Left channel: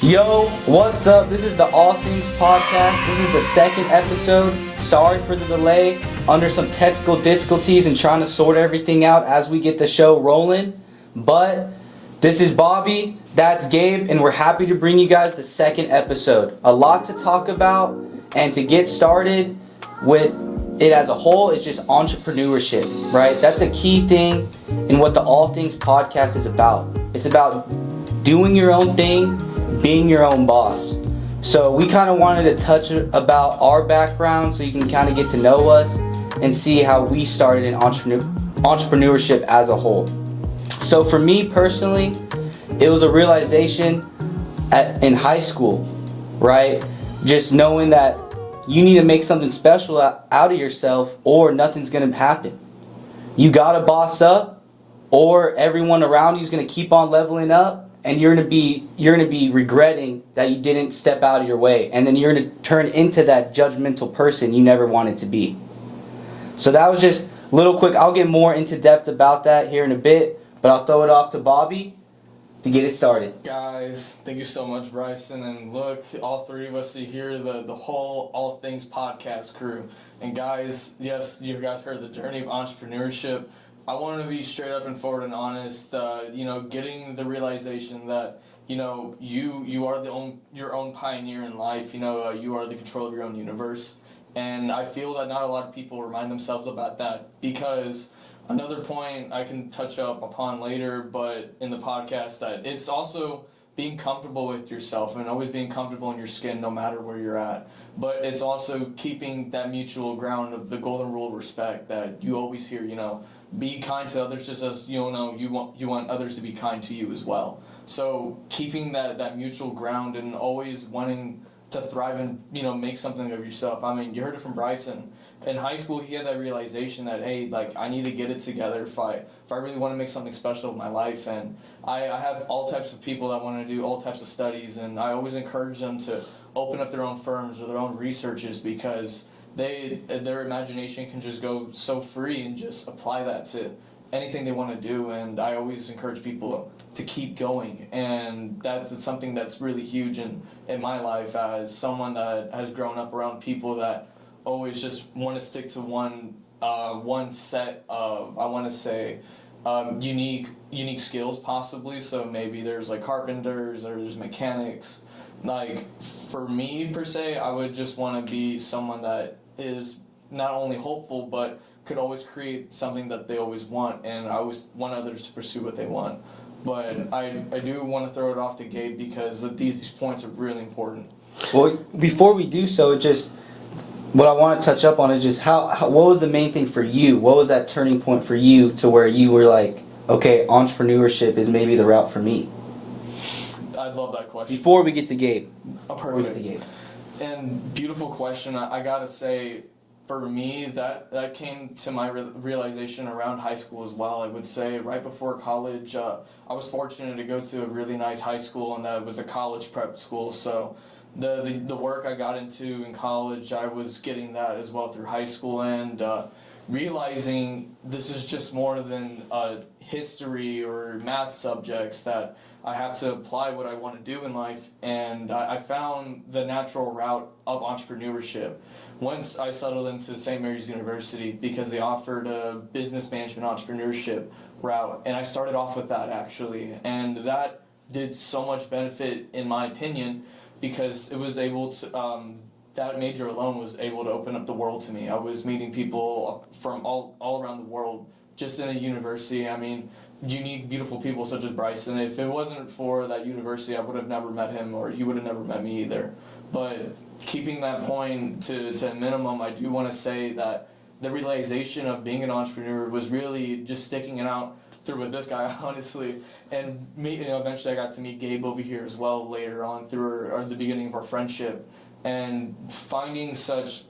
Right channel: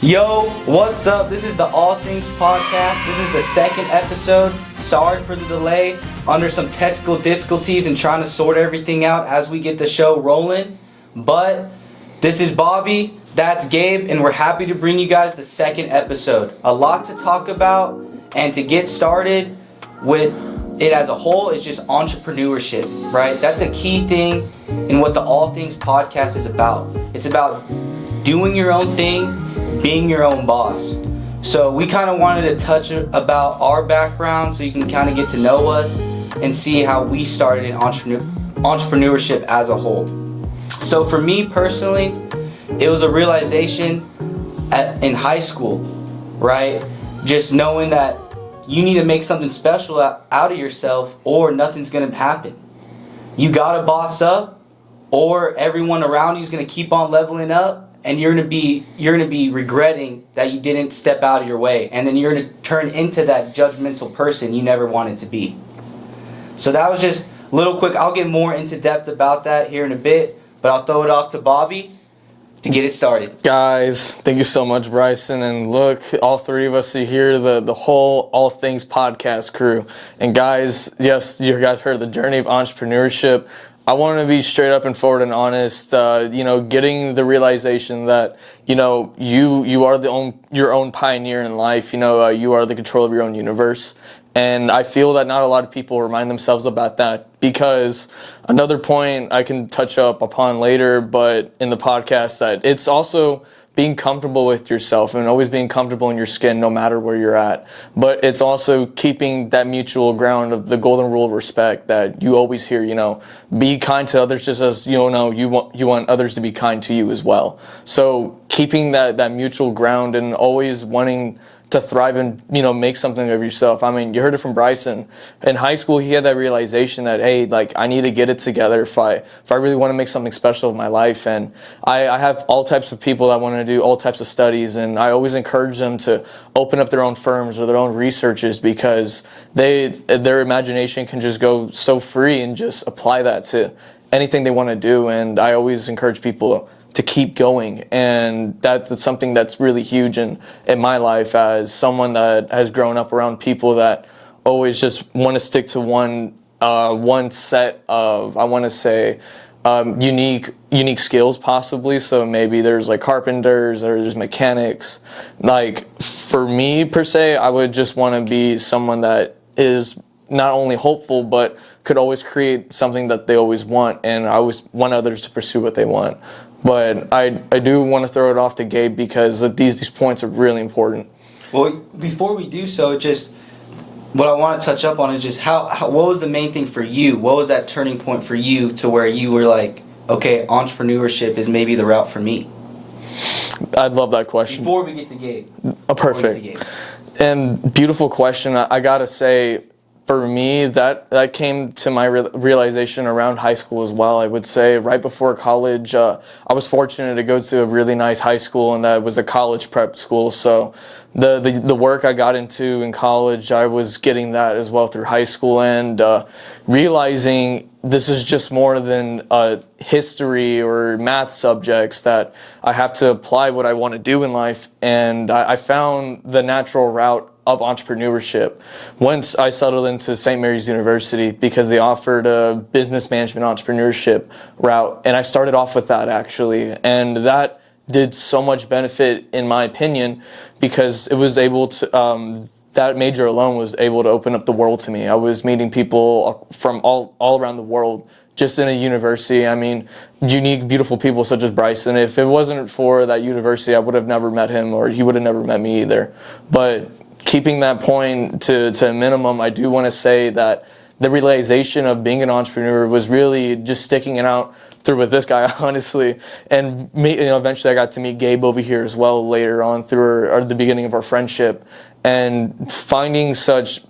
Yo, what's up? This is the All Things Podcast. This is the second episode. Sorry for the delay. Under some technical difficulties and trying to sort everything out as we get the show rolling. But this is Bobby, that's Gabe, and we're happy to bring you guys the second episode. A lot to talk about, and to get started with it as a whole is just entrepreneurship, right? That's a key thing in what the All Things Podcast is about. It's about doing your own thing, being your own boss. So we kind of wanted to touch about our background so you can kind of get to know us and see how we started in entrepreneurship as a whole. So for me personally, it was a realization in high school, right? Just knowing that you need to make something special out of yourself or nothing's going to happen. You got to boss up or everyone around you is going to keep on leveling up. And you're gonna be regretting that you didn't step out of your way, and then you're gonna turn into that judgmental person you never wanted to be. So that was just a little quick. I'll get more into depth about that here in a bit, but I'll throw it off to Bobby to get it started. Guys, thank you so much, Bryson. And look, all three of us are here, the whole All Things Podcast crew. And guys, yes, you guys heard the journey of entrepreneurship. I want to be straight up and forward and honest, getting the realization that, you are your own pioneer in life. You are the control of your own universe. And I feel that not a lot of people remind themselves about that, because another point I can touch up upon later, but in the podcast, that it's also being comfortable with yourself and always being comfortable in your skin no matter where you're at. But it's also keeping that mutual ground of the golden rule of respect that you always hear, be kind to others just as you want others to be kind to you as well. So keeping that mutual ground and always wanting to thrive and make something of yourself. I mean, you heard it from Bryson. In high school, he had that realization that, hey, I need to get it together if I really want to make something special in my life. And I have all types of people that want to do all types of studies, and I always encourage them to open up their own firms or their own researches, because their imagination can just go so free and just apply that to anything they want to do. And I always encourage people to keep going, and that's something that's really huge in my life as someone that has grown up around people that always just want to stick to one set of, I want to say, unique skills possibly. So maybe there's carpenters or there's mechanics. For me per se, I would just want to be someone that is not only hopeful but could always create something that they always want, and I always want others to pursue what they want. But I do want to throw it off to Gabe, because these points are really important. Well, before we do so, just what I want to touch up on is just what was the main thing for you? What was that turning point for you to where you were like, okay, entrepreneurship is maybe the route for me? I'd love that question. Before we get to Gabe. Perfect. And beautiful question. I gotta say, for me, that came to my realization around high school as well. I would say right before college, I was fortunate to go to a really nice high school, and that was a college prep school. So the work I got into in college, I was getting that as well through high school, and realizing this is just more than history or math subjects, that I have to apply what I want to do in life. And I found the natural route of entrepreneurship once I settled into St. Mary's University, because they offered a business management entrepreneurship route, and I started off with that actually, and that did so much benefit in my opinion, because it was able to that major alone was able to open up the world to me. I was meeting people from all around the world just in a university. I mean, unique, beautiful people such as Bryson. If it wasn't for that university, I would have never met him, or he would have never met me either. But keeping that point to a minimum, I do want to say that the realization of being an entrepreneur was really just sticking it out through with this guy, honestly. And eventually I got to meet Gabe over here as well later on through the beginning of our friendship, and finding such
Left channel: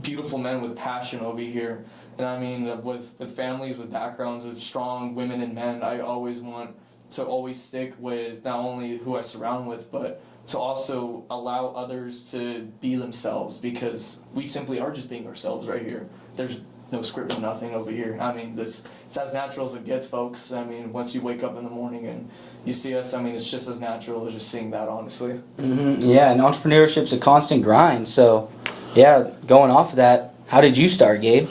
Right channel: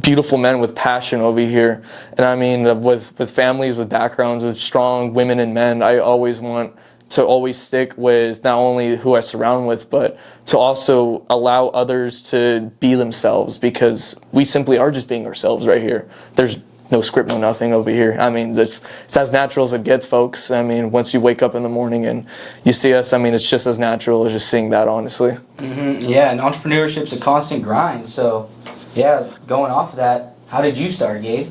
beautiful men with passion over here. And I mean, with families, with backgrounds, with strong women and men, I always want to always stick with not only who I surround with, but to also allow others to be themselves, because we simply are just being ourselves right here. There's no script, no nothing over here. I mean, it's as natural as it gets, folks. I mean, once you wake up in the morning and you see us, I mean, it's just as natural as just seeing that, honestly. Yeah, and entrepreneurship's a constant grind. So, yeah, going off of that, how did you start, Gabe?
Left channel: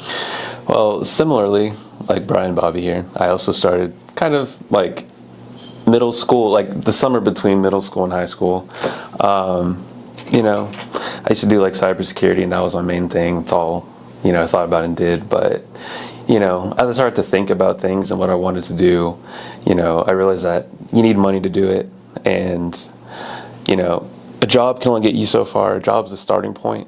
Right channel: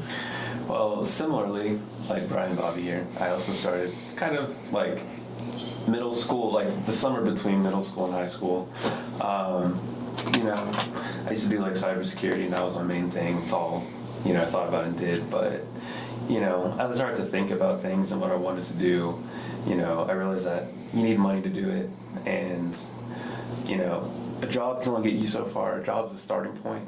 Well, similarly, like Brian and Bobby here, I also started kind of like middle school, like the summer between middle school and high school. You know, I used to do like cybersecurity, and that was my main thing. It's all, you know, I thought about and did. But, you know, as I started to think about things and what I wanted to do, you know, I realized that you need money to do it. And, you know, a job can only get you so far. A job's the starting point.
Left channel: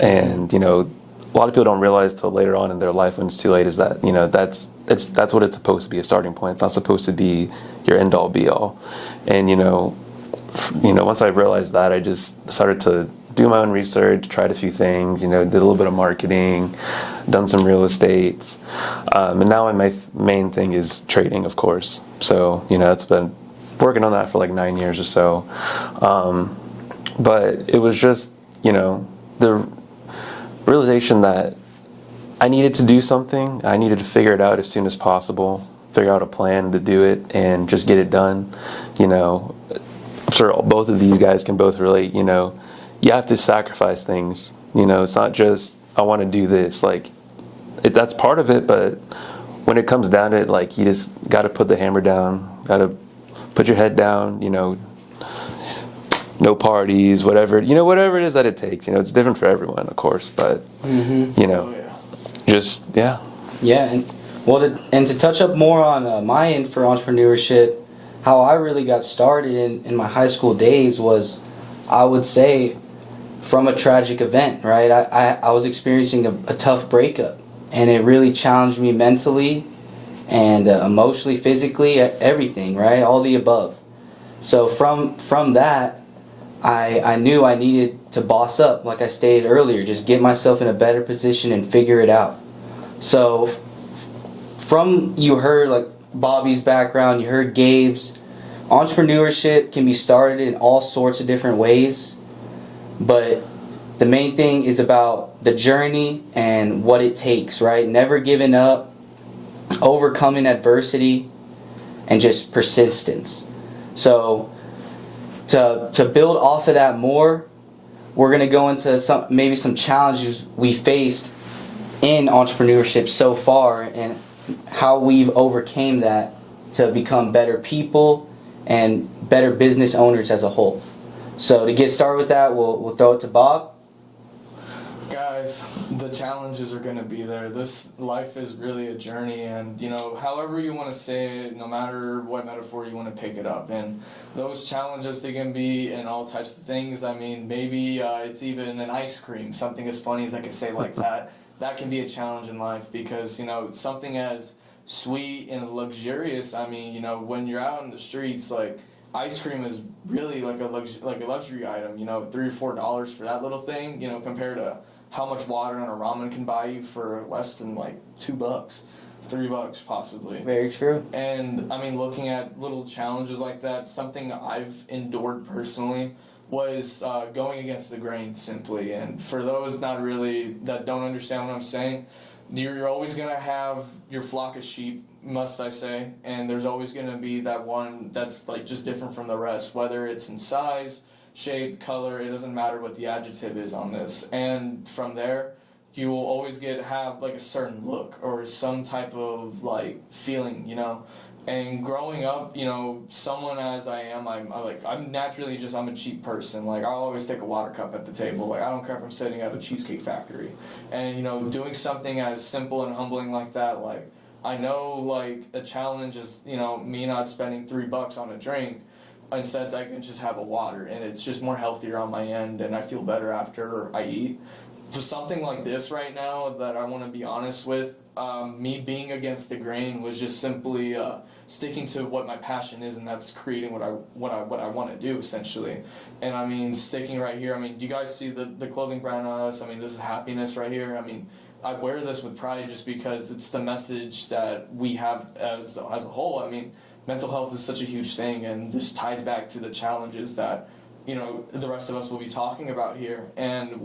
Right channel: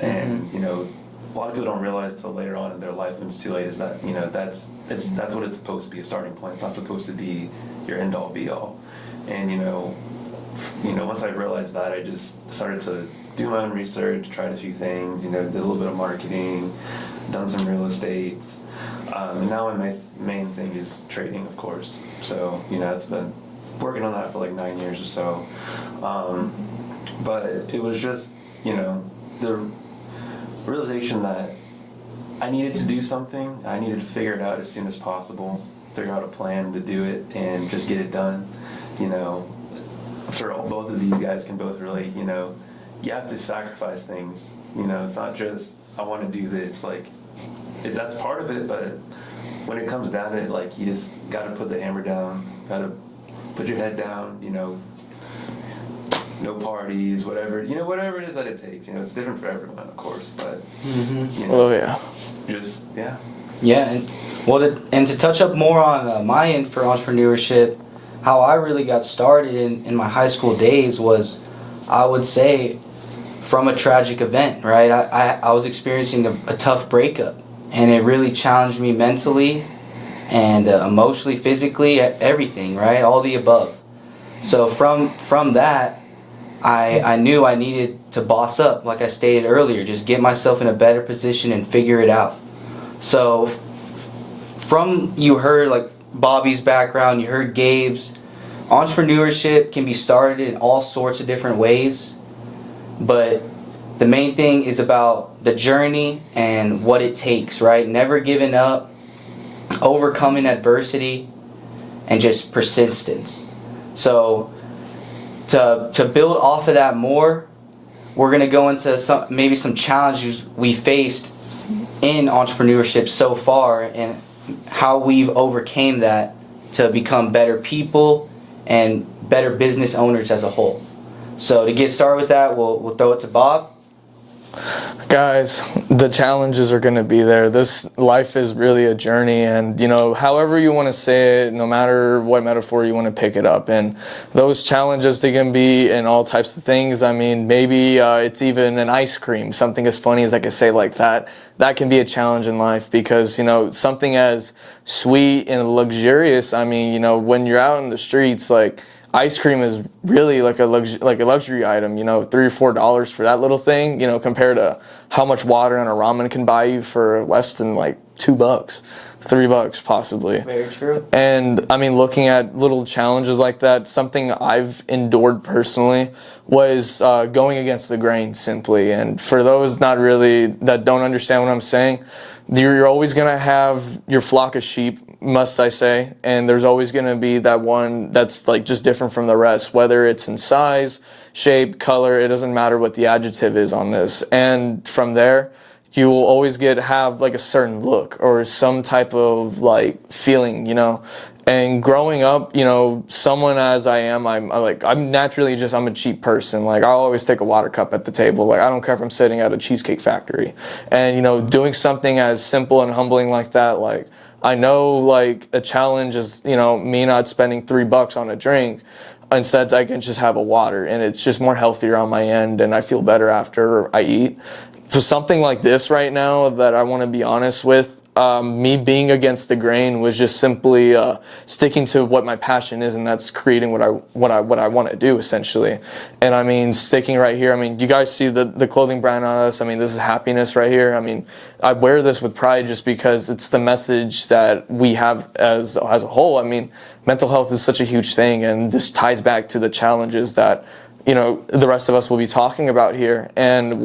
And, you know, a lot of people don't realize till later on in their life when it's too late is that, you know, that's what it's supposed to be, a starting point. It's not supposed to be your end all be all. And, you know, once I realized that, I just started to do my own research, tried a few things, you know, did a little bit of marketing, done some real estate. And now my main thing is trading, of course. So, you know, that's been working on that for like 9 years or so. But it was just, you know, the realization that I needed to do something. I needed to figure it out as soon as possible, figure out a plan to do it and just get it done. You know, I'm sure both of these guys can both relate, you know, you have to sacrifice things. You know, it's not just, I want to do this. Like, that's part of it, but when it comes down to it, like, you just got to put the hammer down, got to put your head down, you know, no parties, whatever, you know, whatever it is that it takes. You know, it's different for everyone, of course, but, you know, just, yeah. Yeah, and and to touch up more on my end for entrepreneurship, how I really got started in my high school days was, I would say, from a tragic event, right? I was experiencing a tough breakup, and it really challenged me mentally and emotionally, physically, everything, right? All the above. So from that, I knew I needed to boss up, like I stated earlier, just get myself in a better position and figure it out. So you heard like Bobby's background, you heard Gabe's. Entrepreneurship can be started in all sorts of different ways, but the main thing is about the journey and what it takes, right? Never giving up, overcoming adversity, and just persistence. So to build off of that more, we're going to go into some challenges we faced in entrepreneurship so far and how we've overcame that to become better people and better business owners as a whole. So to get started with that, we'll throw it to Bob. Guys, the challenges are going to be there. This life is really a journey, and, you know, however you want to say it, no matter what metaphor you want to pick it up, and those challenges, they can be in all types of things. I mean, maybe it's even an ice cream, something as funny as I could say like that. That can be a challenge in life because, you know, something as sweet and luxurious, I mean, you know, when you're out in the streets, like, ice cream is really like a luxury item, you know, $3 or $4 for that little thing, you know, compared to how much water and a ramen can buy you for less than like $2, $3 possibly. Very true. And I mean, looking at little challenges like that, something I've endured personally was going against the grain simply. And for those that don't understand what I'm saying, you're always going to have your flock of sheep, must I say, and there's always going to be that one that's like just different from the rest, whether it's in size, shape, color, it doesn't matter what the adjective is on this. And from there, you will always have like a certain look or some type of like feeling, you know. And growing up, you know, someone as I am, I'm naturally I'm a cheap person. Like, I always take a water cup at the table. Like, I don't care if I'm sitting at a cheesecake factory. And, you know, doing something as simple and humbling like that, like, I know, like, a challenge is, you know, me not spending $3 on a drink. Instead, I can just have a water, and it's just more healthier on my end, and I feel better after I eat. So something like this right now that I want to be honest with, me being against the grain was just simply sticking to what my passion is, and that's creating what I want to do essentially. And I mean, sticking right here. I mean, you guys see the clothing brand on us. I mean, this is happiness right here. I mean, I wear this with pride just because it's the message that we have as a whole. I mean, mental health is such a huge thing, and this ties back to the challenges that, you know, the rest of us will be talking about here. And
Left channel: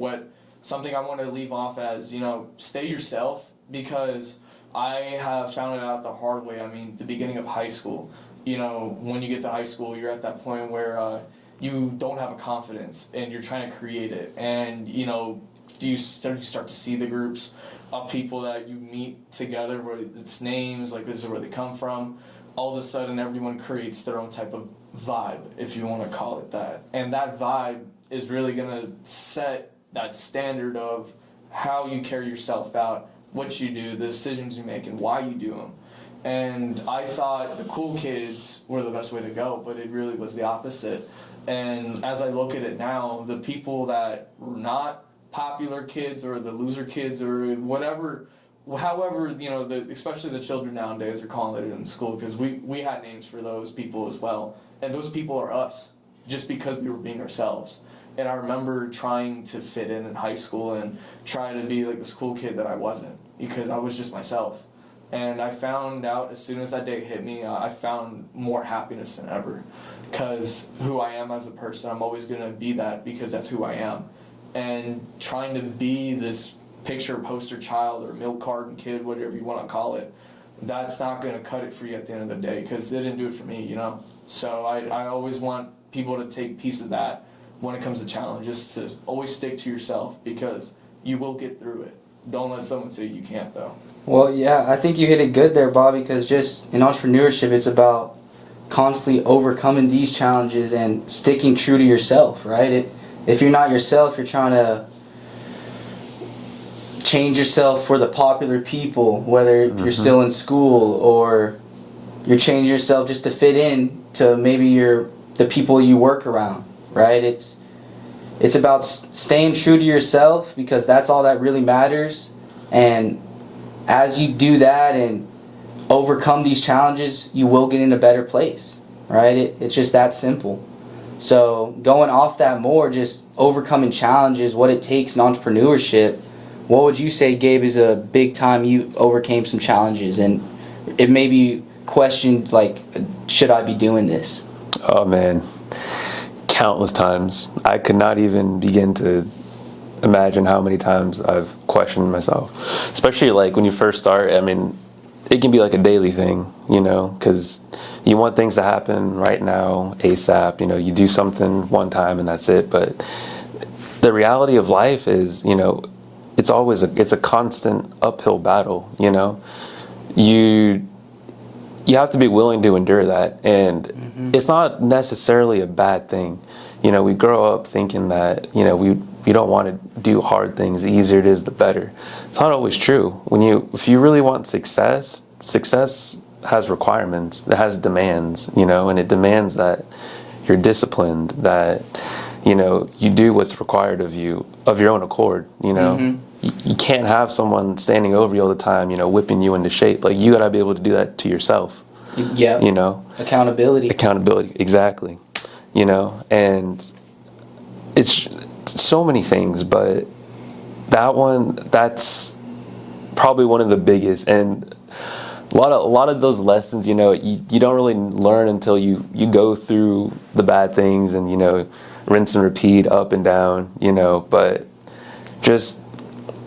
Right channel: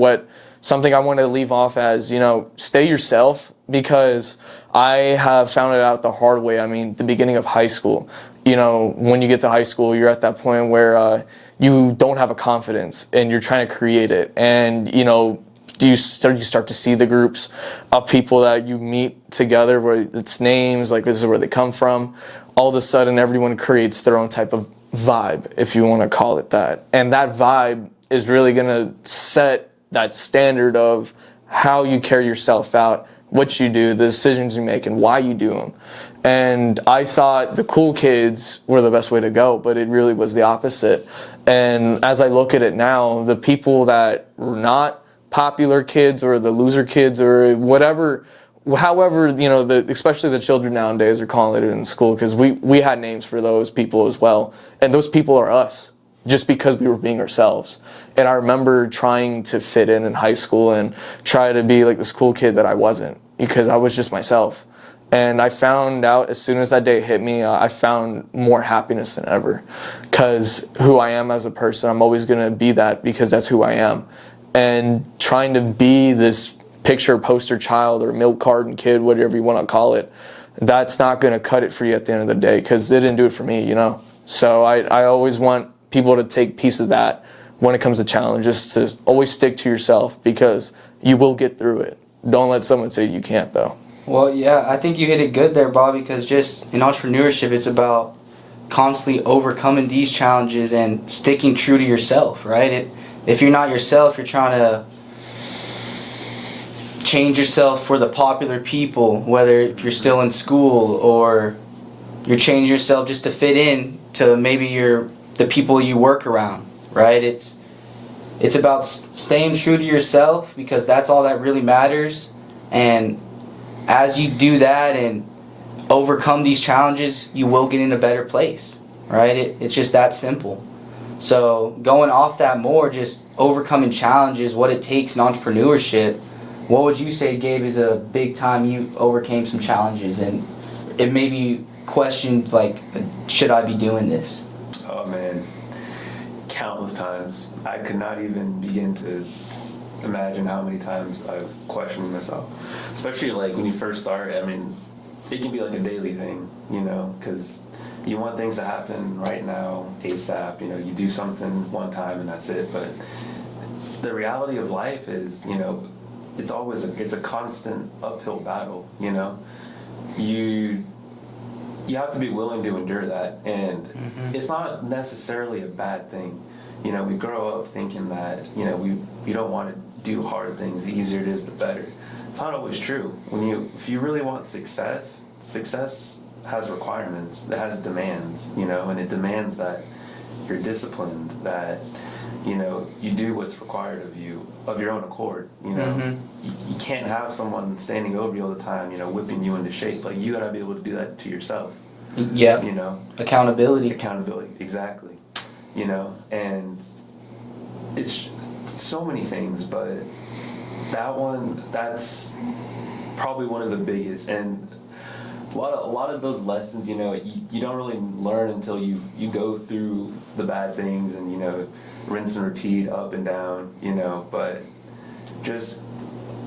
something I want to leave off as, you know, stay yourself. because I have found it out the hard way. I mean, the beginning of high school, you know, when you get to high school, you're at that point where you don't have a confidence and you're trying to create it. And, you know, you start to see the groups of people that you meet together where it's names, like this is where they come from. All of a sudden, everyone creates their own type of vibe, if you want to call it that. And that vibe is really going to set that standard of how you carry yourself out, what you do, the decisions you make, and why you do them. And I thought the cool kids were the best way to go, but it really was the opposite. And as I look at it now, the people that were not popular kids or the loser kids or whatever, however, you know, especially the children nowadays are calling it in school, because we had names for those people as well. And those people are us, just because we were being ourselves. And I remember trying to fit in high school and try to be like this cool kid that I wasn't, because I was just myself. And I found out as soon as that day hit me, I found more happiness than ever, because who I am as a person, I'm always going to be that, because that's who I am. And trying to be this picture poster child or milk carton kid, whatever you want to call it, that's not going to cut it for you at the end of the day, because it didn't do it for me, you know. So I always want people to take piece of that when it comes to challenges, to always stick to yourself, because you will get through it. Don't let someone say you can't, though. Well, yeah, I think you hit it good there, Bob, because just in entrepreneurship, it's about constantly overcoming these challenges and sticking true to yourself, right? If you're not yourself, you're trying to change yourself for the popular people, whether you're still in school or you're changing yourself just to fit in to maybe the people you work around, right? It's about staying true to yourself, because that's all that really matters. And as you do that and overcome these challenges, you will get in a better place, right? It's just that simple. So going off that more, just overcoming challenges, what it takes in entrepreneurship, what would you say, Gabe, is a big time you overcame some challenges and it maybe questioned, like, should I be doing this? Oh man, countless times. I could not even begin to imagine how many times I've questioned myself, especially like when you first start. I mean, it can be like a daily thing, you know, because you want things to happen right now, ASAP. You know, you do something one time and that's it. But the reality of life is, you know, it's a constant uphill battle. You know, you have to be willing to endure that, and it's not necessarily a bad thing. You know, we grow up thinking that, you know, we don't want to do hard things. The easier it is, the better. It's not always true. If you really want success has requirements. It has demands, you know, and it demands that you're disciplined, that, you know, you do what's required of you of your own accord, you know. You can't have someone standing over you all the time, you know, whipping you into shape. Like, you got to be able to do that to yourself. Yeah. You know. Accountability, exactly. You know, and it's so many things, but that's probably one of the biggest. And a lot of those lessons, you know, you don't really learn until you go through the bad things and, you know, rinse and repeat, up and down, you know. But just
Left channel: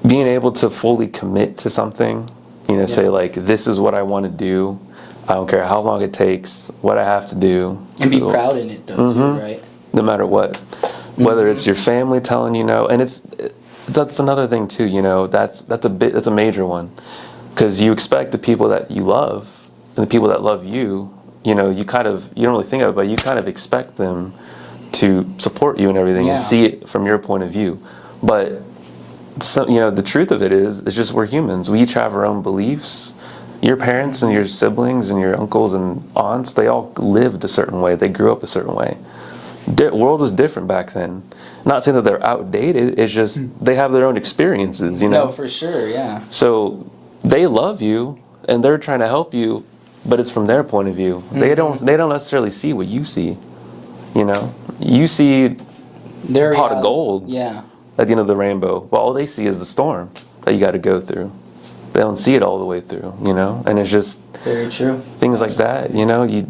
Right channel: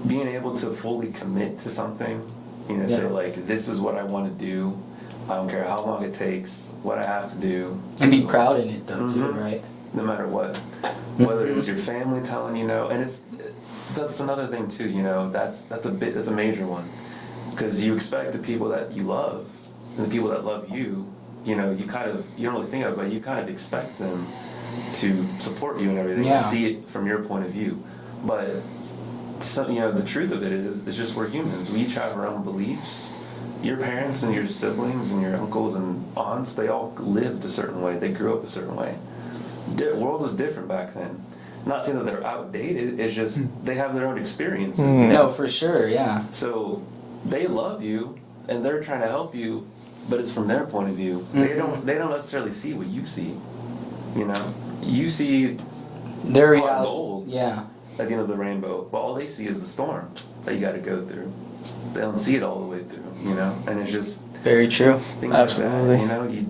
being able to fully commit to something, you know, say like, this is what I want to do. I don't care how long it takes, what I have to do. And be proud in it, though, too, right? No matter what. Whether it's your family telling you no, and that's another thing too, you know, that's a major one. Because you expect the people that you love and the people that love you, you know, you don't really think of it, but you kind of expect them to support you and everything and see it from your point of view. But so, you know, the truth of it is, it's just we're humans. We each have our own beliefs. Your parents and your siblings and your uncles and aunts, they all lived a certain way. They grew up a certain way. The world was different back then. Not saying that they're outdated. It's just they have their own experiences. You know? No, for sure, yeah. So they love you and they're trying to help you, but it's from their point of view. They don't necessarily see what you see. You know, you see Their pot of gold. Yeah. At the end of the rainbow. Well, all they see is the storm that you got to go through. They don't see it all the way through, you know, and it's just Very true. things like that, you know. You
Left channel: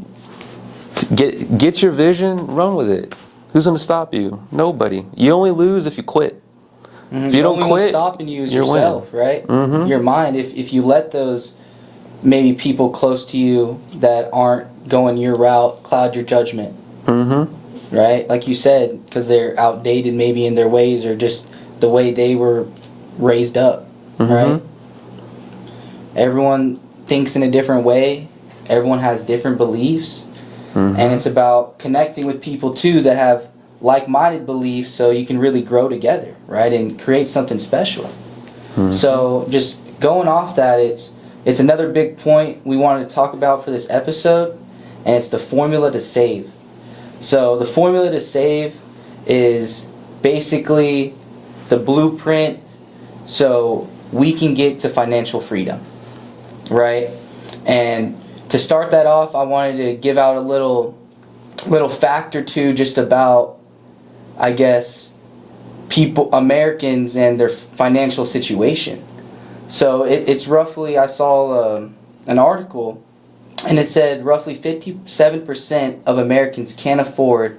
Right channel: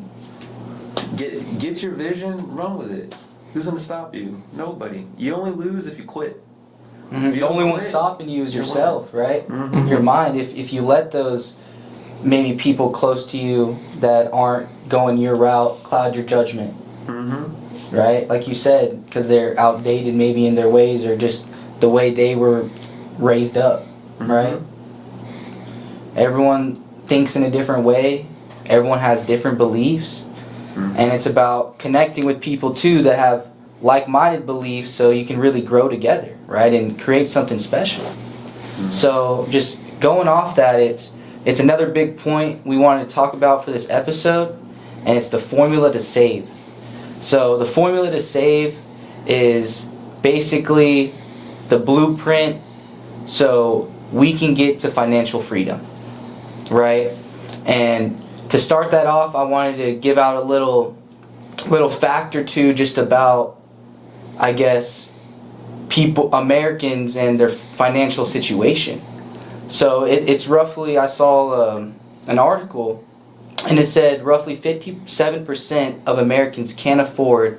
get your vision, run with it. Who's going to stop you? Nobody. You only lose if you quit. If you The don't only one quit, stopping you is you're yourself, right? Your mind. If you let those maybe people close to you that aren't going your route cloud your judgment, right? Like you said, because they're outdated maybe in their ways or just the way they were raised up, right? Everyone thinks in a different way. Everyone has different beliefs. And it's about connecting with people too that have like-minded beliefs so you can really grow together, right? And create something special. So just going off that, it's another big point we wanted to talk about for this episode, and it's the formula to save. So the formula to save is basically the blueprint so we can get to financial freedom, right? And to start that off, I wanted to give out a little fact or two just about, I guess, Americans and their financial situation. So it's roughly, I saw an article, and it said roughly 57% of Americans can't afford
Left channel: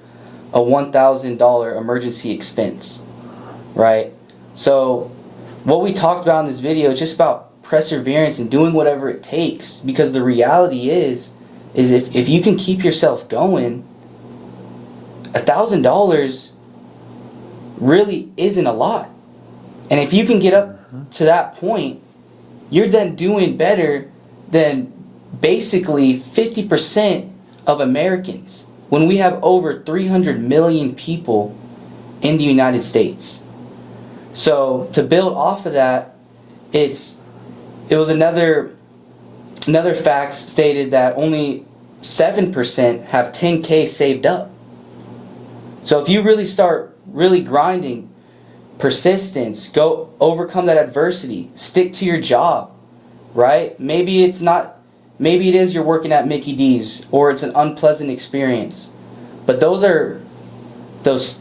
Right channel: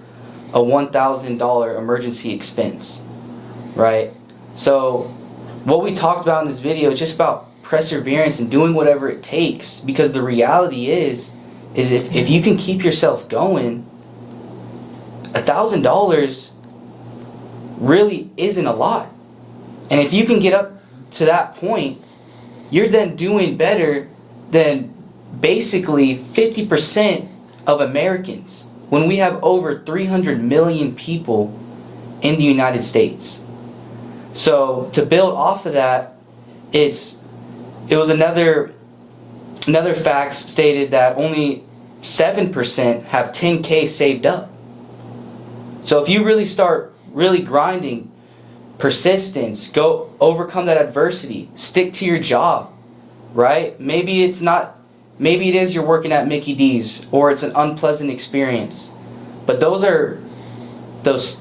a $1,000 emergency expense, right? So what we talked about in this video is just about perseverance and doing whatever it takes, because the reality is if you can keep yourself going, $1,000 really isn't a lot. And if you can get up to that point, you're then doing better than basically 50% of Americans when we have over 300 million people in the United States. So to build off of that, it was another fact stated that only 7% have 10K saved up. So if you really start really grinding, persistence, go overcome that adversity, stick to your job, right? Maybe it is you're working at Mickey D's or it's an unpleasant experience. But those are those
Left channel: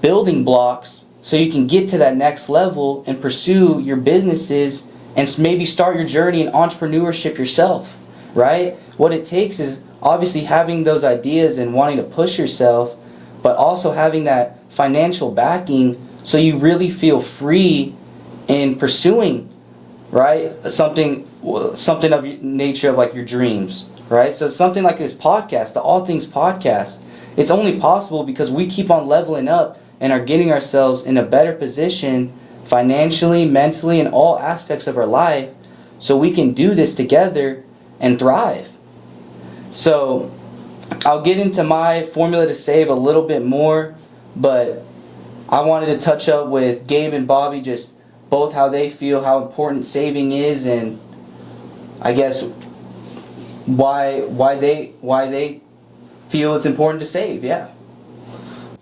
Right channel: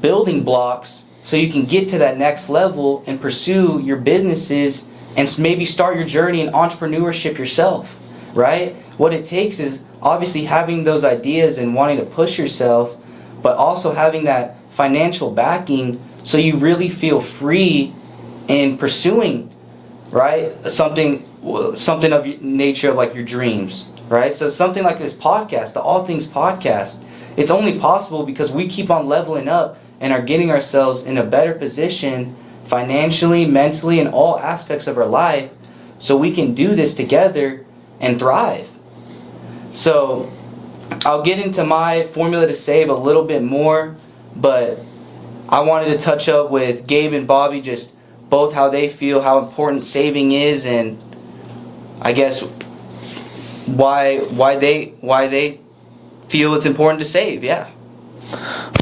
building blocks so you can get to that next level and pursue your businesses and maybe start your journey in entrepreneurship yourself, right? What it takes is obviously having those ideas and wanting to push yourself, but also having that financial backing so you really feel free in pursuing, right? Something of nature of like your dreams, right? So something like this podcast, the All Things Podcast, it's only possible because we keep on leveling up and are getting ourselves in a better position financially, mentally, in all aspects of our life so we can do this together and thrive. So I'll get into my formula to save a little bit more, but I wanted to touch up with Gabe and Bobby just both how they feel, how important saving is, and I guess why they feel it's important to save. Yeah.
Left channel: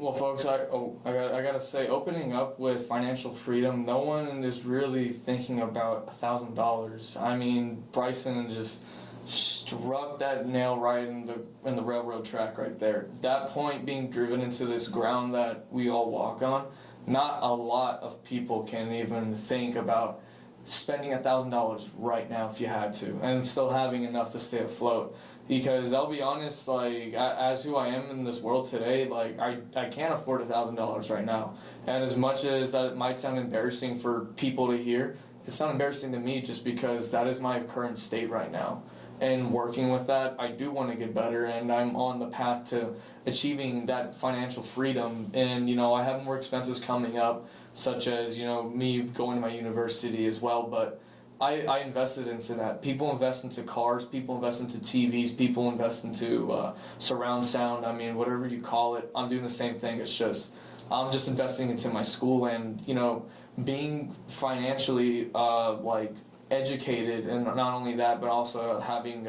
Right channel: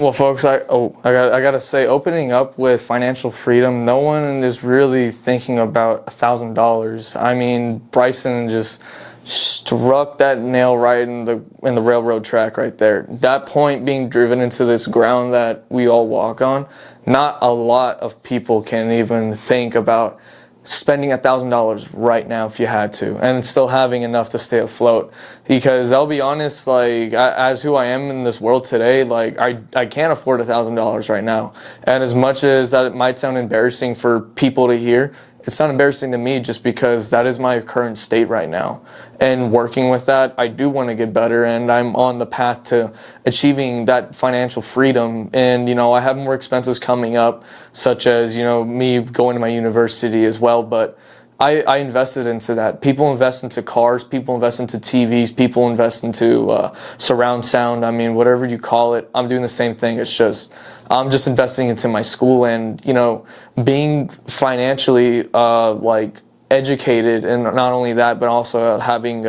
Well, folks, I gotta say, opening up with financial freedom, no one is really thinking about $1,000. I mean, Bryson just struck that nail right in the railroad track right there. That point being driven into this ground that we all walk on, not a lot of people can even think about spending $1,000 right now if you had to, and still having enough to stay afloat. Because I'll be honest, like as who I am in this world today, like I can't afford $1,000 right now. And as much as that it might sound embarrassing for people to hear, it's not embarrassing to me just because that is my current state right now. And working with that, I do want to get better, and I'm on the path to achieving that financial freedom. And, I have more expenses coming up, such as, me going to my university as well. But I invested into that. People invest into cars, people invest into TVs, people invest into surround sound. I mean, whatever you call it, I'm doing the same thing. It's just, I'm just investing into my school and, being financially, educated, and not only that, but also having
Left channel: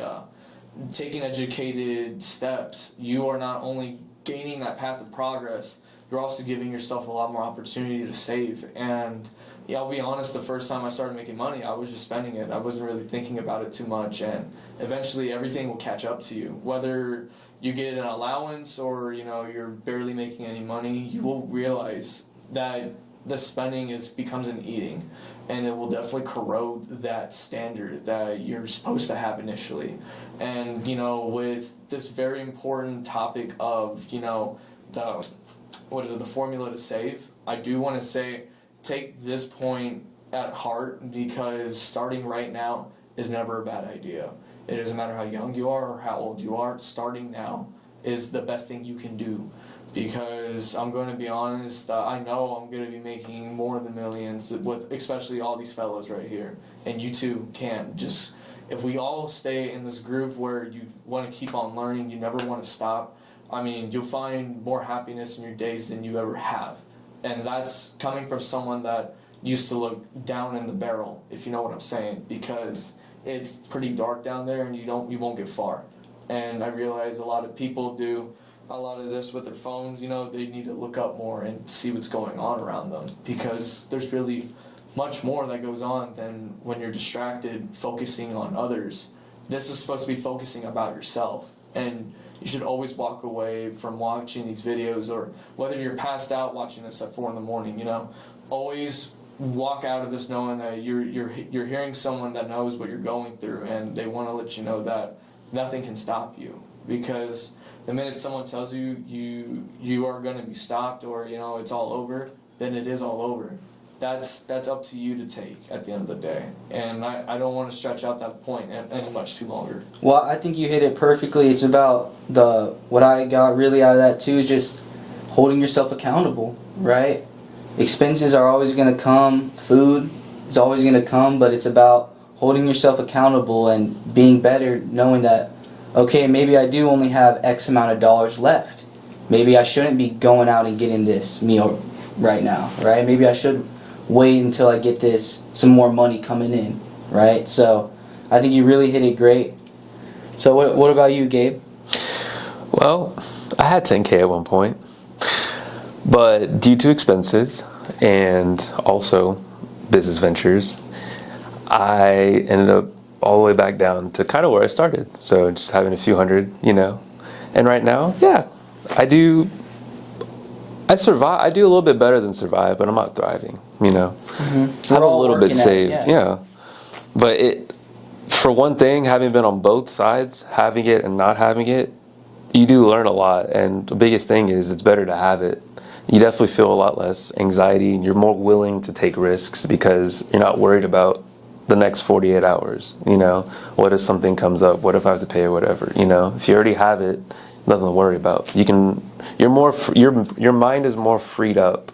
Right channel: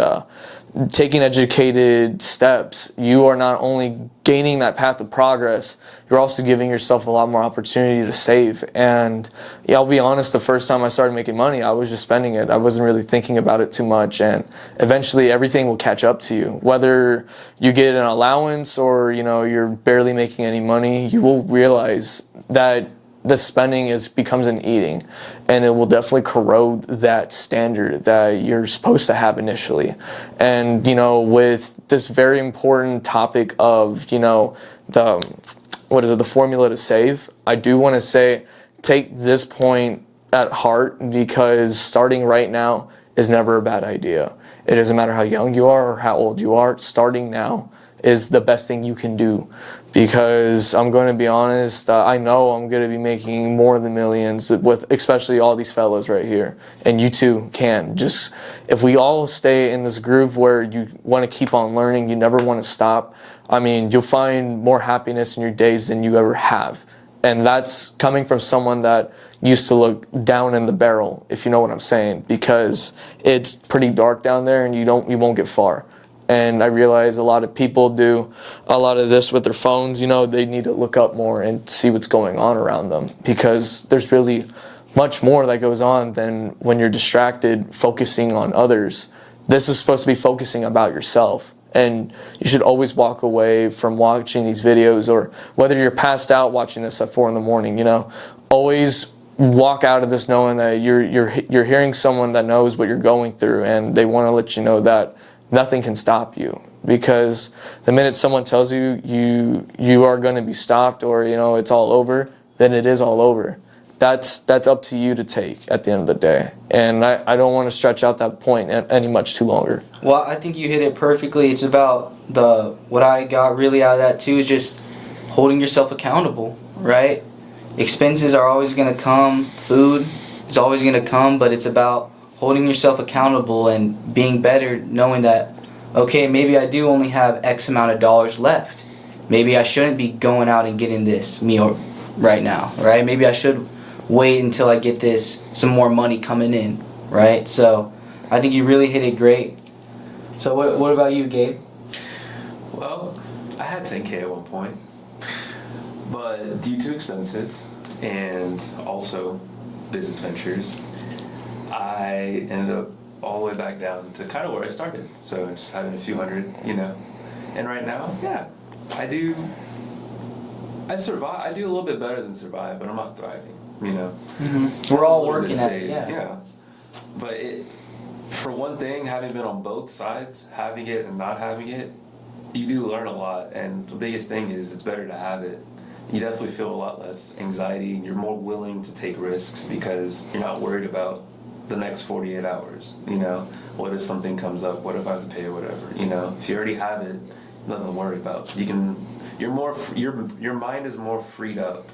taking educated steps. You are not only gaining that path of progress, you're also giving yourself a lot more opportunity to save. And I'll be honest, the first time I started making money, I was just spending it. I wasn't really thinking about it too much, and eventually everything will catch up to you. Whether you get an allowance or you're barely making any money, you will realize that the spending becomes an eating, and it will definitely corrode that standard that you're supposed to have initially. And with this very important topic of the formula to save, I do want to say take this point at heart, because starting right now is never a bad idea. It doesn't matter how young you are or how old you are. Starting now is the best thing you can do, because I'm going to be honest, I know I'm going to be making more than millions with especially all these fellas right here, and you too can. Just if we all stay in this groove where you want to keep on learning, you never want to stop, I mean, you'll find more happiness in your days than you ever have. And that's coming from someone that used to look down in the barrel, if you know what I'm saying, because it's pretty dark down there and you won't get far. And I realize a lot of people do a lot of this with their phones. They need to look up more and see what's going on around them, because there's really much more that goes on than when you're distracted focusing on others. This is supposed to be focusing about yourself. And you should always walk away from watching these videos, or whether you're passed out watching this at 4 a.m, always walk out of this knowing that you're hearing someone that knows what you're going through, and they want to let you know that nothing can stop you. Because the minute someone tells you are going to be stopped, or it's all over, then it is all over. That's up to you to take at the end of the day. And I don't want to stretch out that point any much too longer. Well, I think you hit it perfectly. It's about what I got really out of that too is just holding yourself accountable, right? Expenses are always going to come. Food is always going to come, but it's about holding yourself accountable and being better, knowing that, okay, maybe I do only have X amount of dollars left. Maybe I shouldn't be going out and getting this meal right now, right? Maybe I should wait until I get some more money coming in, right? So I think you really hit it great. So what about you, Gabe? Well, I had 10K at one point, but due to expenses and also business ventures, I ended up all the way back down to kind of where I started. So just having a few hundred, And right now, yeah, I survive. I do a little bit better than survive, but I'm not thriving. Mm-hmm. We're all a little working bit at saved. it, Yeah. But for one thing, having been on both sides, having it and not having it, you do learn a lot. And the biggest thing is it's better to have it. You definitely feel a lot less anxiety, and you're more willing to take risks because you're not worried about the next 48 hours. What if something comes up? What if I have to pay or whatever? If you already have it, nothing to worry about. Your mind is more freed up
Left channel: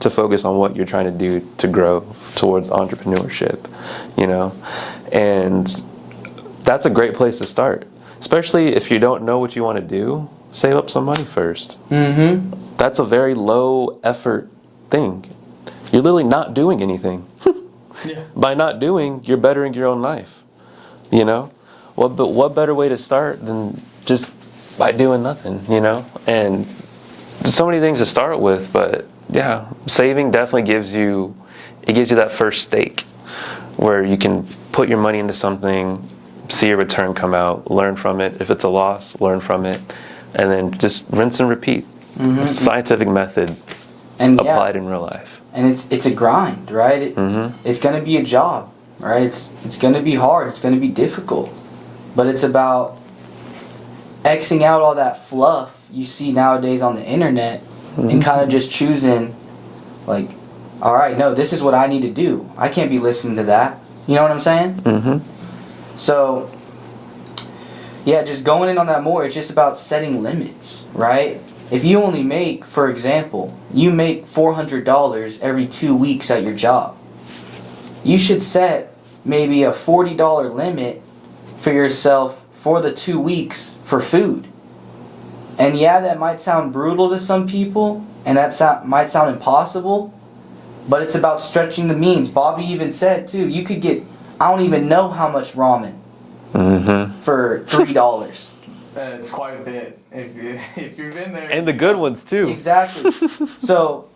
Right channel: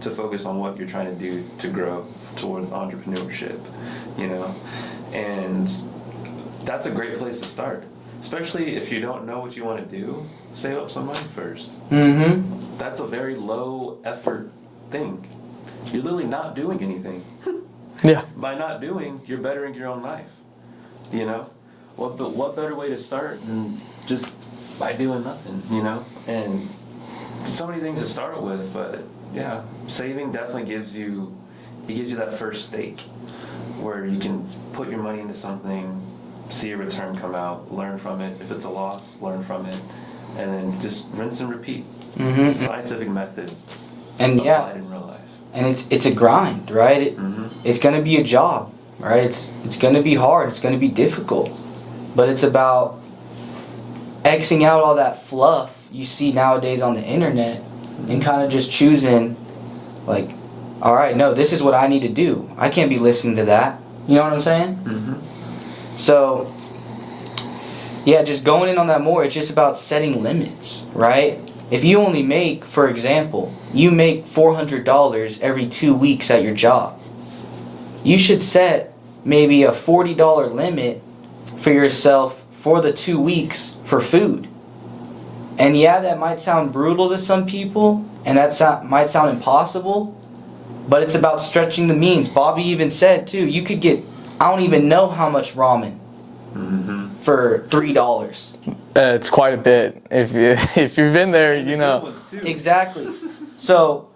to focus on what you're trying to do to grow towards entrepreneurship, and that's a great place to start, especially if you don't know what you want to do. Save up some money first. Mm-hmm. That's a very low effort thing. You're literally not doing anything. Yeah. By not doing, you're bettering your own life. What better way to start than just by doing nothing, And there's so many things to start with, but yeah, saving definitely gives you that first stake where you can put your money into something, see a return come out, learn from it. If it's a loss, learn from it, and then just rinse and repeat. Mm-hmm. Scientific method and applied in real life. And it's a grind, right? It's going to be a job, right? It's going to be hard. It's going to be difficult. But it's about Xing out all that fluff you see nowadays on the internet and kind of just choosing, like, all right, no, this is what I need to do. I can't be listening to that. You know what I'm saying? Mm-hmm. So, yeah, just going in on that more, it's just about setting limits, right? If you only make, for example, you make $400 every 2 weeks at your job, you should set maybe a $40 limit for yourself for the 2 weeks for food. And yeah, that might sound brutal to some people, and might sound impossible, but it's about stretching the means. Bobby even said, too, you could get, I don't even know how much ramen for $3. It's quite a bit. If you've been there, And the good ones, too. Exactly. So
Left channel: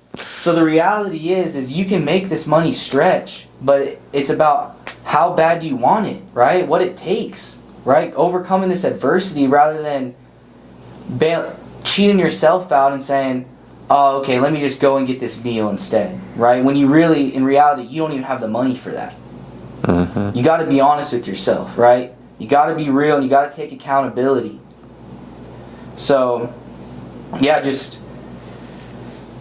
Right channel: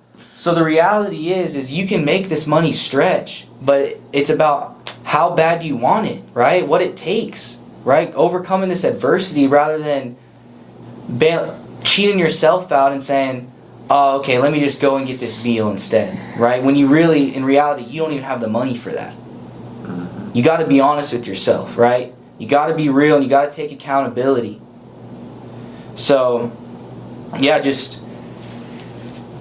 the reality is you can make this money stretch, but it's about how bad you want it, right? What it takes, right? Overcoming this adversity rather than cheating yourself out and saying, oh, okay, let me just go and get this meal instead, right? When you really, in reality, you don't even have the money for that. You got to be honest with yourself, right? You got to be real, and you got to take accountability. So, yeah, just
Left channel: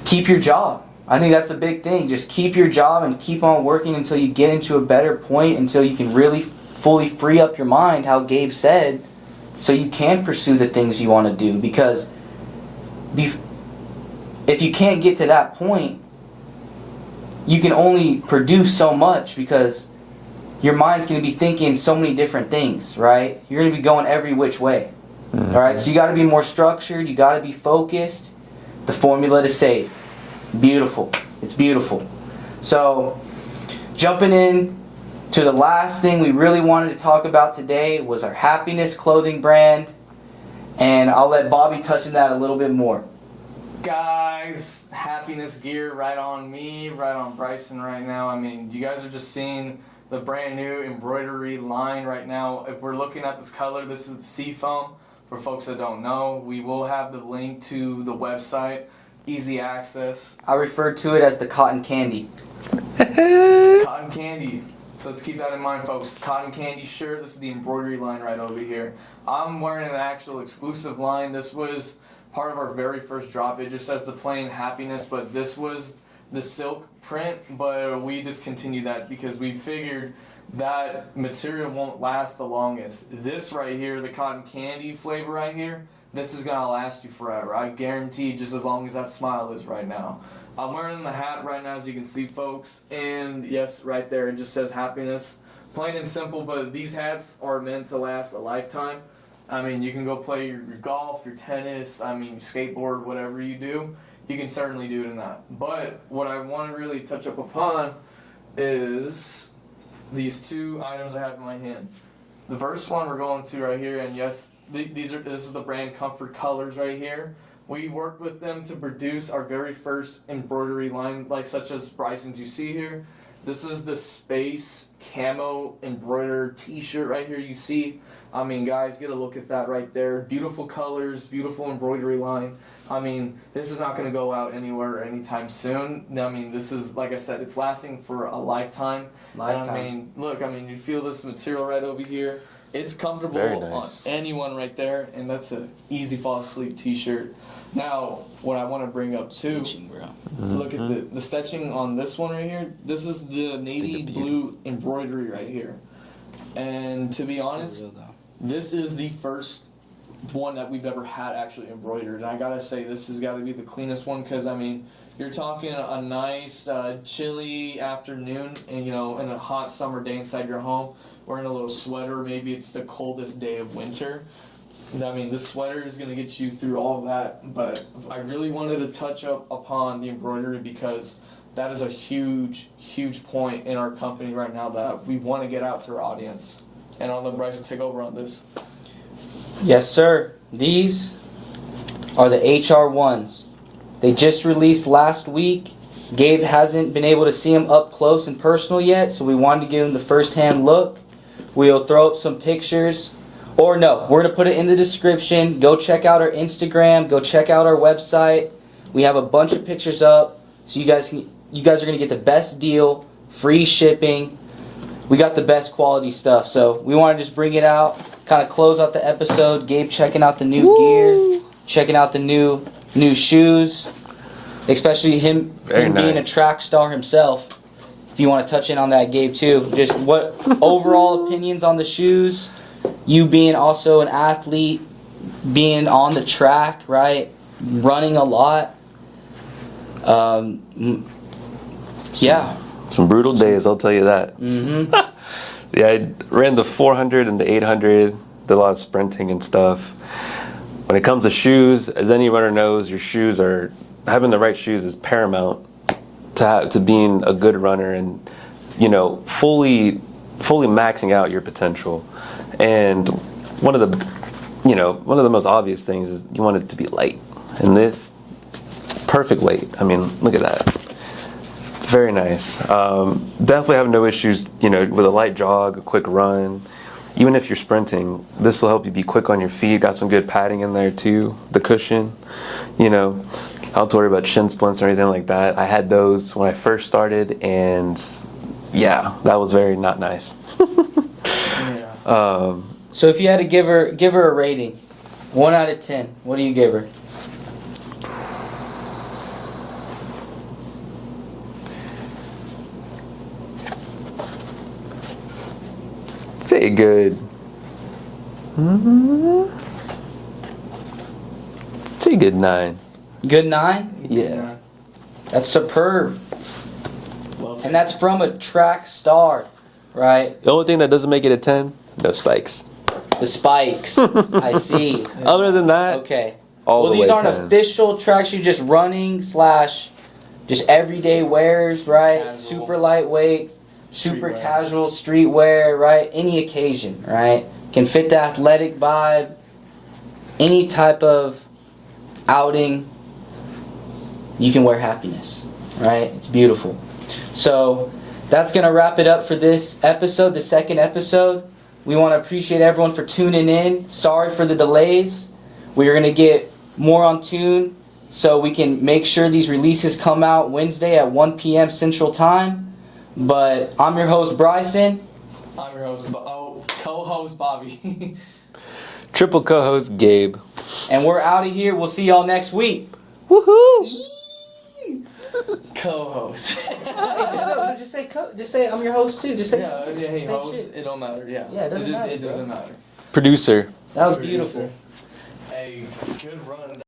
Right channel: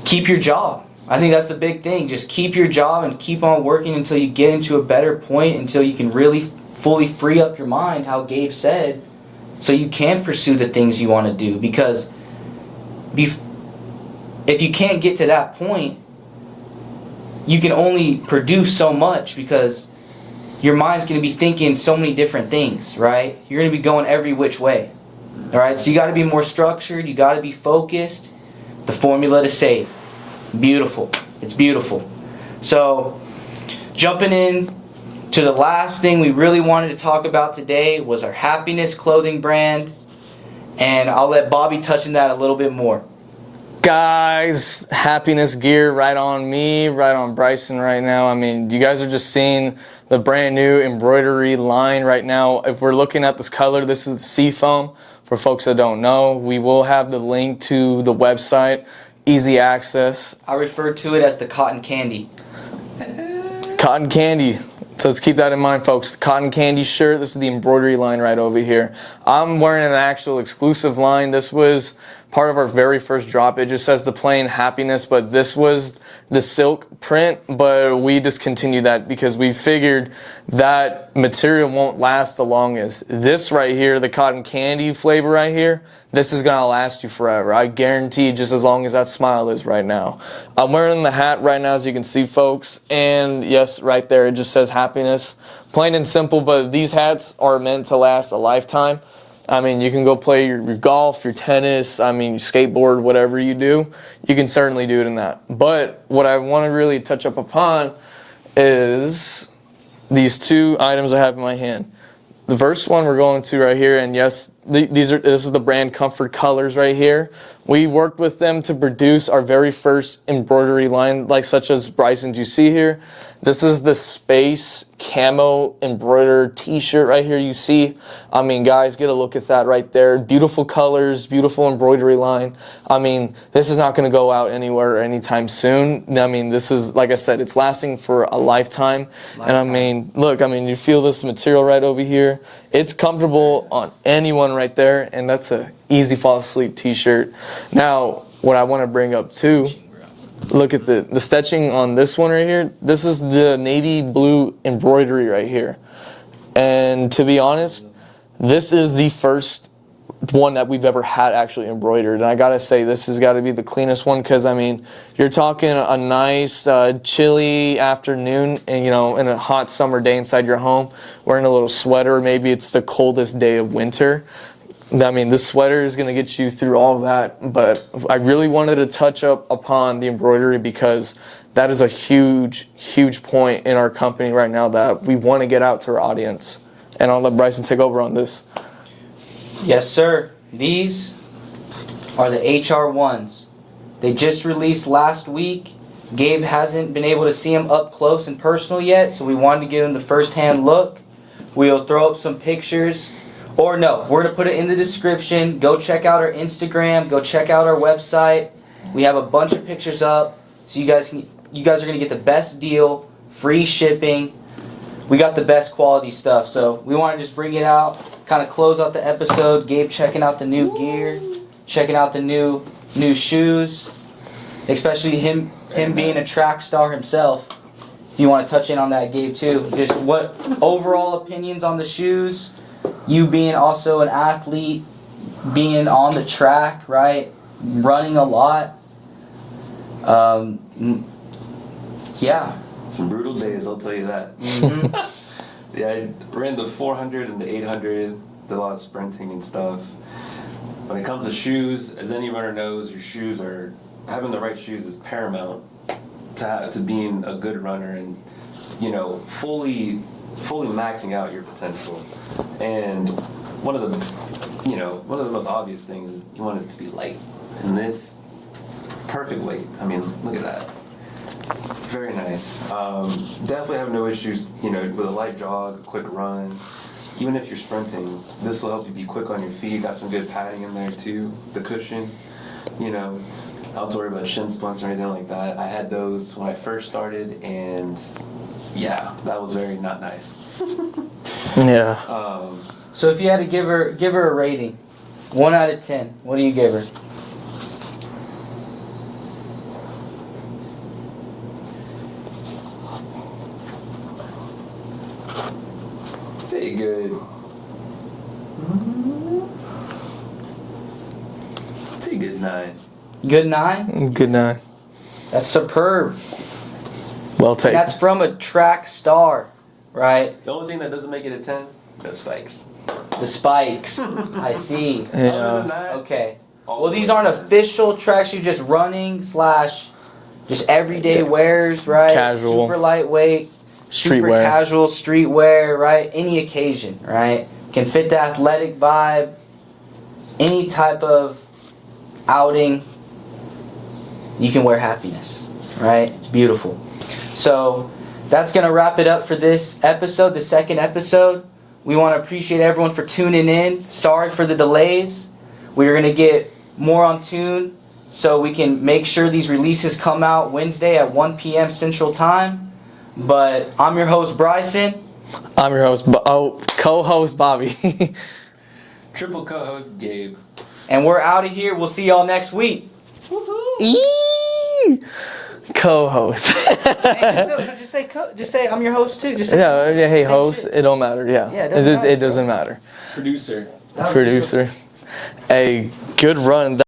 keep your job, I think that's the big thing. Just keep your job and keep on working until you get into a better point, until you can really fully free up your mind, how Gabe said, so you can pursue the things you want to do. Because if you can't get to that point, you can only produce so much, because your mind's going to be thinking so many different things, right? You're going to be going every which way. All right, so you got to be more structured. You got to be focused. The formula to save. Beautiful. It's beautiful. So, jumping in to the last thing we really wanted to talk about today was our Happiness clothing brand. And I'll let Bobby touch on that a little bit more. Guys, Happiness gear right on me, right on Bryson right now. I mean, you guys are just seeing the brand new embroidery line right now. If we're looking at this color, this is the Seafoam. For folks that don't know, we will have the link to the website, easy access. I referred to it as the cotton candy. Cotton candy. So let's keep that in mind, folks. The cotton candy shirt, this is the embroidery line right over here. I'm wearing an actual exclusive line. This was part of our very first drop. It just says the plain Happiness, but this was the silk print, but we discontinued that because we figured that material won't last the longest. This right here, the cotton candy flavor right here, this is gonna last you forever. I guarantee, just as long as that smile is right now. I'm wearing the hat right now, as you can see, folks, and yes, right there, it just says Happiness. Plain and simple, but these hats are meant to last a lifetime. I mean, you can go play your golf, your tennis, I mean, skateboard, whatever you do, you can certainly do it in that. But what I want to really touch up upon is these two items I have in my hand. The first one we're going to right here, and yes, this is the brand Comfort Colors right here. We worked with them to produce our very first embroidery line, like such as Bryson's you see here. This is the space camo embroidered t-shirt right here you see. I mean, guys, get a look at that right there. Beautiful colors, beautiful embroidery line. I mean, this is not going to go out anywhere anytime soon. I mean, this is, like I said, it's lasting for a lifetime. And I mean, look, I mean, you feel this material right over here. It's comfortable on anyone right there, and that's a easy fall asleep t-shirt. Now, what I want to bring up too, look at the stitching on this one right here. This is the navy blue embroidery right here. And to be honest, this is the first one that we've ever had actually embroidered. And I gotta say, this has got to be the cleanest one, because I mean, you're talking a nice chilly afternoon, and you know, in a hot summer day inside your home, wearing a little sweater. Maybe it's the coldest day of winter. I mean, this sweater is going to get you through all that, but I really wanted to touch up upon the embroidery, because that is a huge, huge point in our company right now that we want to get out to our audience. And I'll let Bryson take over on this. Yes, sir. These are the HR1s. They just released last week. Gabe hasn't been able to see them up close and personal yet, so we wanted to give him the first-hand look. We'll throw up some pictures. Or no, we're going to put it in the description. Go check out our Instagram. Go check out our website. We have a bunch of pictures up, so you guys are going to get the best deal, free shipping. We got the best quality stuff, so we want to just bring it out, kind of close out the episode. Gabe checking out the new gear, checking out the new shoes, especially him being a track star himself. If you want to touch in on that, Gabe, too. Just what overall opinions on the shoes? You being also an athlete, being on the track, right? Running a lot. Yeah. Some brutal days, I'll tell you that. Mm-hmm. Yeah, I ran the 400 and the 800, did a lot of sprinting and stuff. When it comes to shoes, as any runner knows, having the right shoes is paramount to being a good runner and, you know, fully maxing out your potential. And one of the most obvious things is you want it to be light. And this, perfect weight. I mean, look at that. Very nice. Definitely have no issues, you know, with a light jog, a quick run. Even if you're sprinting, this will help you be quick on your feet. Got some good padding in there too. The cushion, you know, I don't have to worry about shin splints or anything like that. I had those when I first started, and yeah, that was very not nice. Yeah. So if you had to give her a rating, 1 out of 10, what do you give her? say a good. Say a good 9. Good 9? Good night. That's superb. Well And taken. that's from a track star, right? The only thing that doesn't make it a 10, no spikes. The spikes. I see. Other than that, Okay. all Well, the these way aren't 10. official tracks. You're just running / just everyday wears, right? Casual. Super lightweight, super Streetwear. casual, streetwear, right? Any occasion, right? Can fit the athletic vibe. Any type of outing, you can wear happiness, right? It's beautiful. So that's going to wrap it up for this episode, the second episode. We want to appreciate everyone for tuning in. Sorry for the delays. We're going to get more on tune so we can make sure these releases come out Wednesday at 1 p.m. Central Time. But I'm your host, Bryson. I'm your host, co-host Bobby. Triple co-host Gabe. And we're out of here. We'll see y'all next week. Woohoo! Co-host. Hey, just say I'm your host too. Just say Hey, same host. shit. It don't matter. Yeah. Yeah, it doesn't matter, It doesn't matter. Producer. That was Producer. A good run.